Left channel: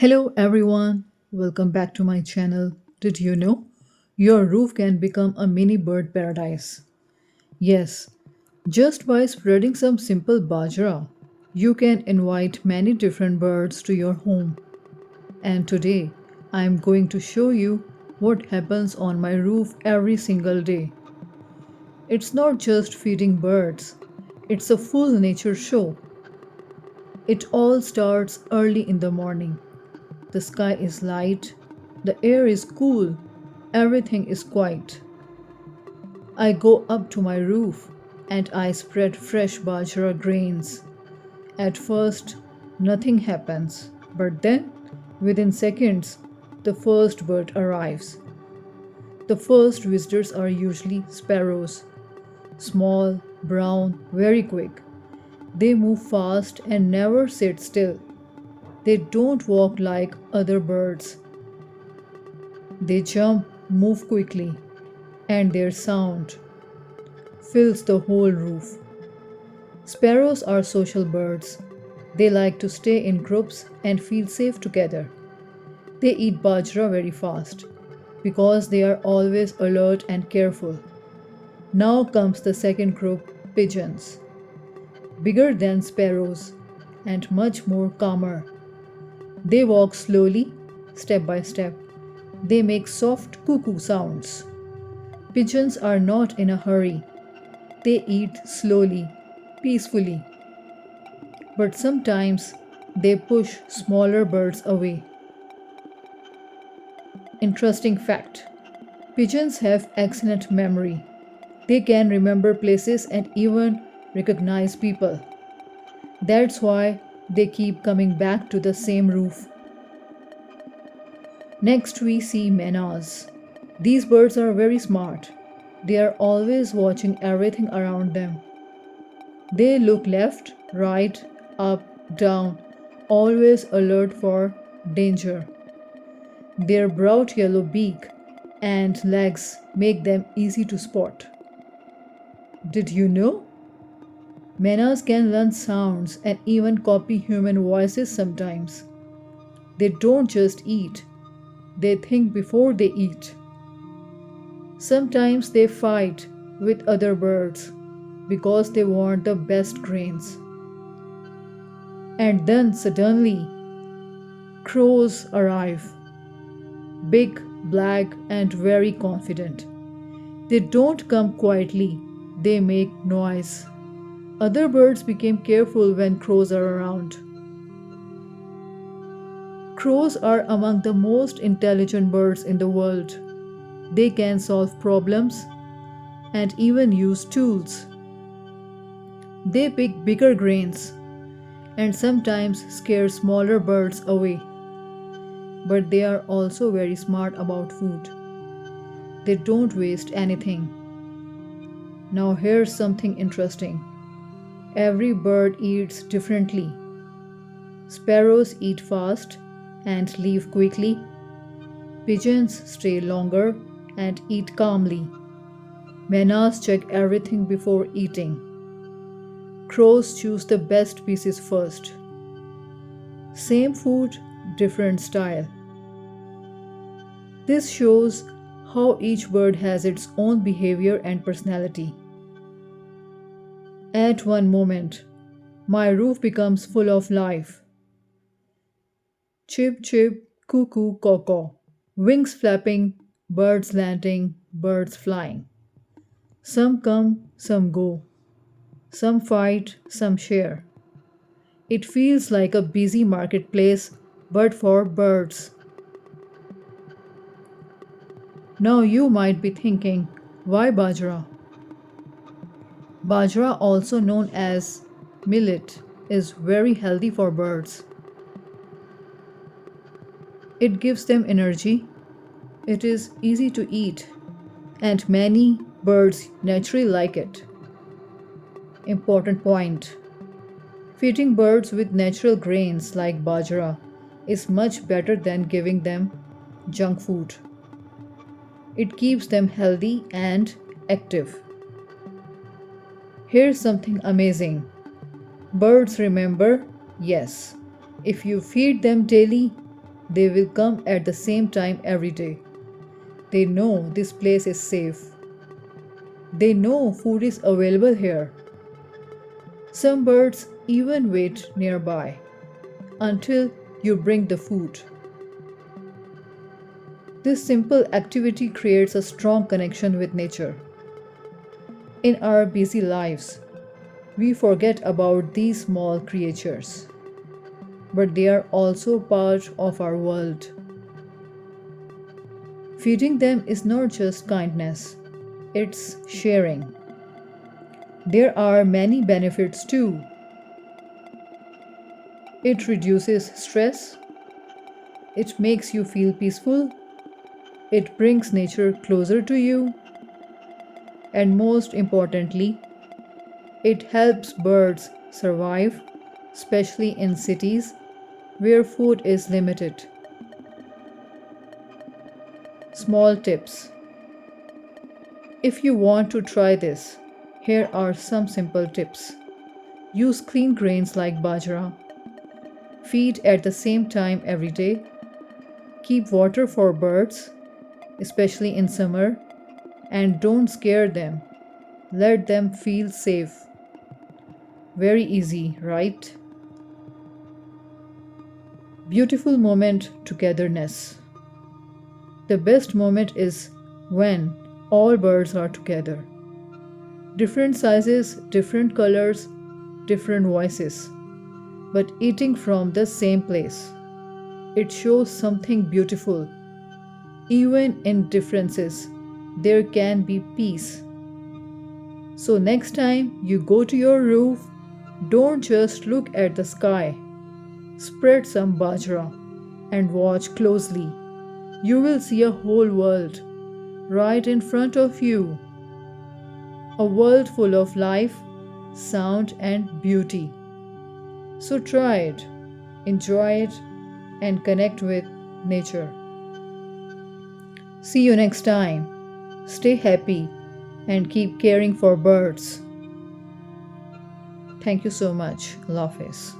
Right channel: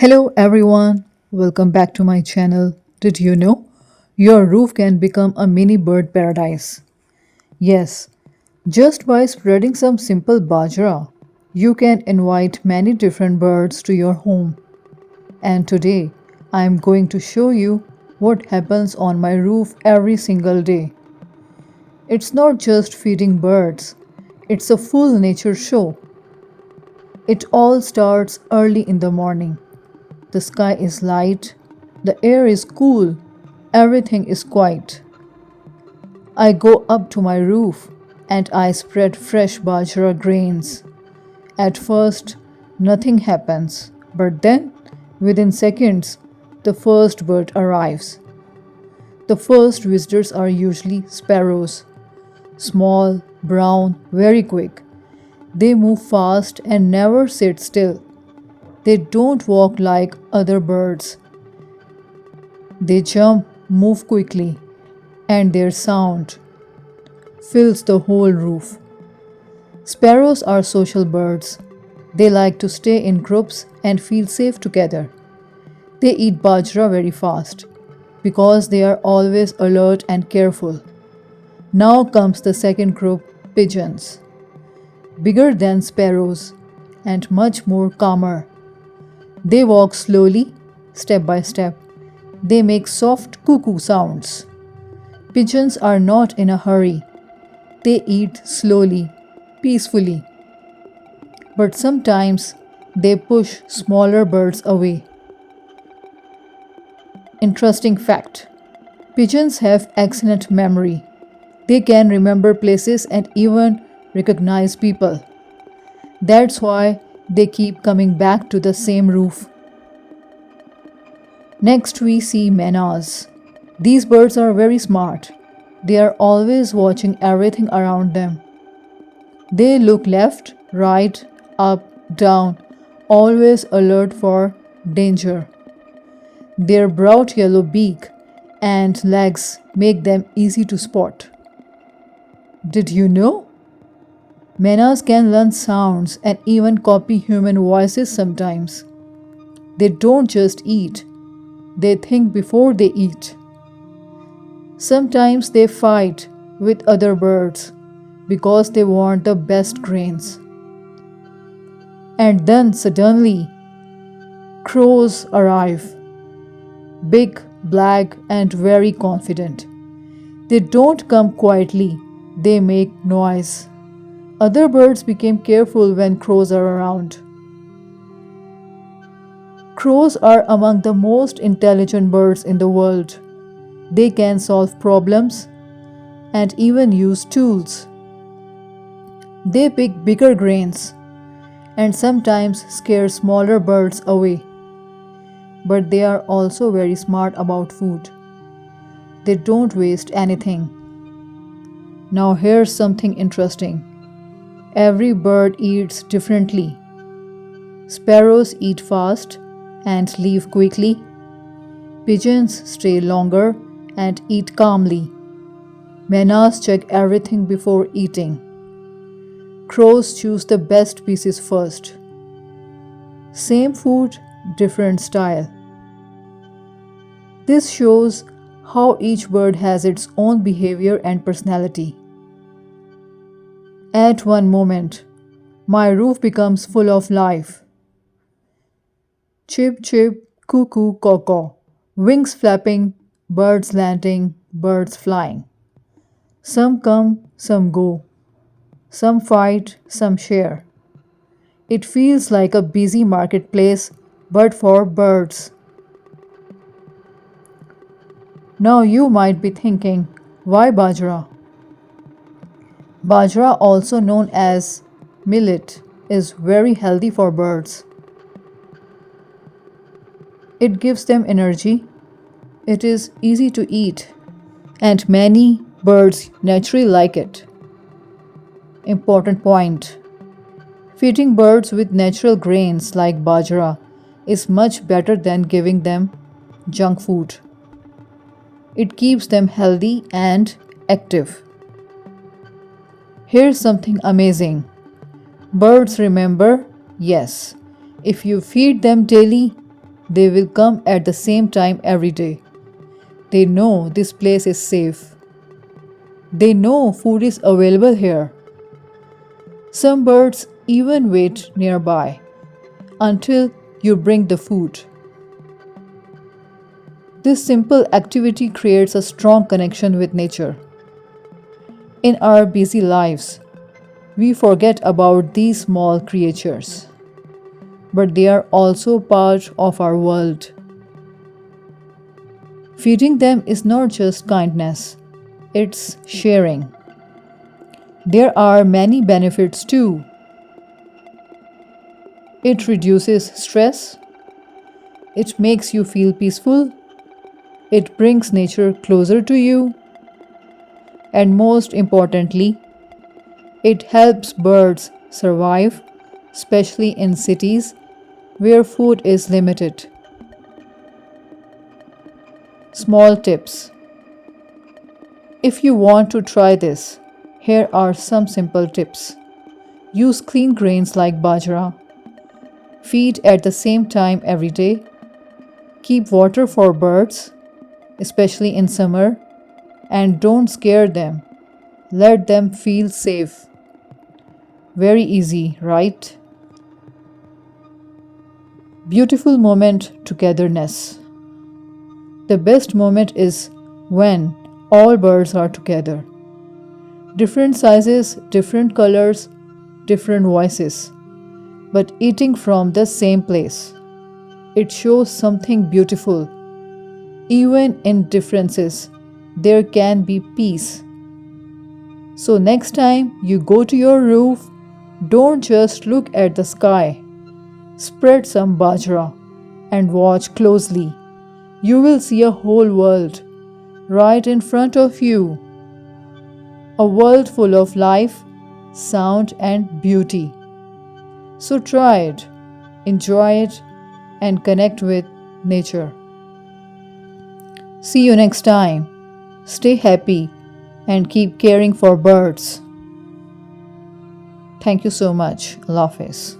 Hello everyone, welcome back to my channel. Did you know your roof can become a mini bird paradise? Yes, just by spreading some simple bajra, you can invite many different birds to your home. And today, I am going to show you what happens on my roof every single day. It's not just feeding birds, it's a full nature show. It all starts early in the morning. The sky is light, the air is cool, everything is quiet. I go up to my roof and I spread fresh bajra grains. At first, nothing happens, but then, within seconds, the first bird arrives. The first visitors are usually sparrows, small, brown, very quick. They move fast and never sit still. They don't walk like other birds. They jump, move quickly, and their sound fills the whole roof. Sparrows are social birds. They like to stay in groups and feel safe together. They eat bajra very fast because they are always alert and careful. Now comes the second group, pigeons, bigger than sparrows and much more calmer. They walk slowly, step by step. They make soft cuckoo sounds. Pigeons are not in a hurry. They eat slowly, peacefully. But sometimes they push smaller birds away. Interesting fact, pigeons have excellent memory. They can remember places and even recognize people. That's why they keep coming back to the same roof. Next, we see menas. These birds are very smart. They are always watching everything around them. They look left, right, up, down, always alert for danger. Their bright yellow beak and legs make them easy to spot. Did you know? Menas can learn sounds and even copy human voices sometimes. They don't just eat, they think before they eat. Sometimes they fight with other birds because they want the best grains. And then suddenly, crows arrive, big, black, and very confident. They don't come quietly, they make noise. Other birds became careful when crows are around. Crows are among the most intelligent birds in the world. They can solve problems and even use tools. They pick bigger grains and sometimes scare smaller birds away. But they are also very smart about food. They don't waste anything. Now, here's something interesting. Every bird eats differently. Sparrows eat fast and leave quickly. Pigeons stay longer and eat calmly. Menas check everything before eating. Crows choose the best pieces first. Same food, different style. This shows how each bird has its own behavior and personality. At one moment, my roof becomes full of life. Chip, chip, cuckoo, caw, wings flapping, birds landing, birds flying. Some come, some go. Some fight, some share. It feels like a busy marketplace, but for birds. Now you might be thinking, why bajra? Bajra, also known as millet, is very healthy for birds. It gives them energy, it is easy to eat, and many birds naturally like it. Important point, feeding birds with natural grains like bajra is much better than giving them junk food. It keeps them healthy and active. Here's something amazing. Birds remember, yes, if you feed them daily, They will come at the same time every day. They know this place is safe. They know food is available here. Some birds even wait nearby until you bring the food. This simple activity creates a strong connection with nature. In our busy lives, we forget about these small creatures, but they are also part of our world. Feeding them is not just kindness, it's sharing. There are many benefits too. It reduces stress, it makes you feel peaceful, it brings nature closer to you, and most importantly, it helps birds survive, especially in cities where food is limited. Small tips. If you want to try this, here are some simple tips. Use clean grains like bajra. Feed at the same time every day. Keep water for birds, especially in summer, and don't scare them. Let them feel safe. Very easy, right? Beautiful moment togetherness. The best moment is when all birds are together. Different sizes, different colors, different voices, but eating from the same place. It shows something beautiful. Even in differences, there can be peace. So, next time you go to your roof, don't just look at the sky. Spread some bajra and watch closely. You will see a whole world right in front of you. A world full of life, sound, and beauty. So try it, enjoy it, and connect with nature. See you next time. Stay happy and keep caring for birds. Thank you so much. Allah Hafiz.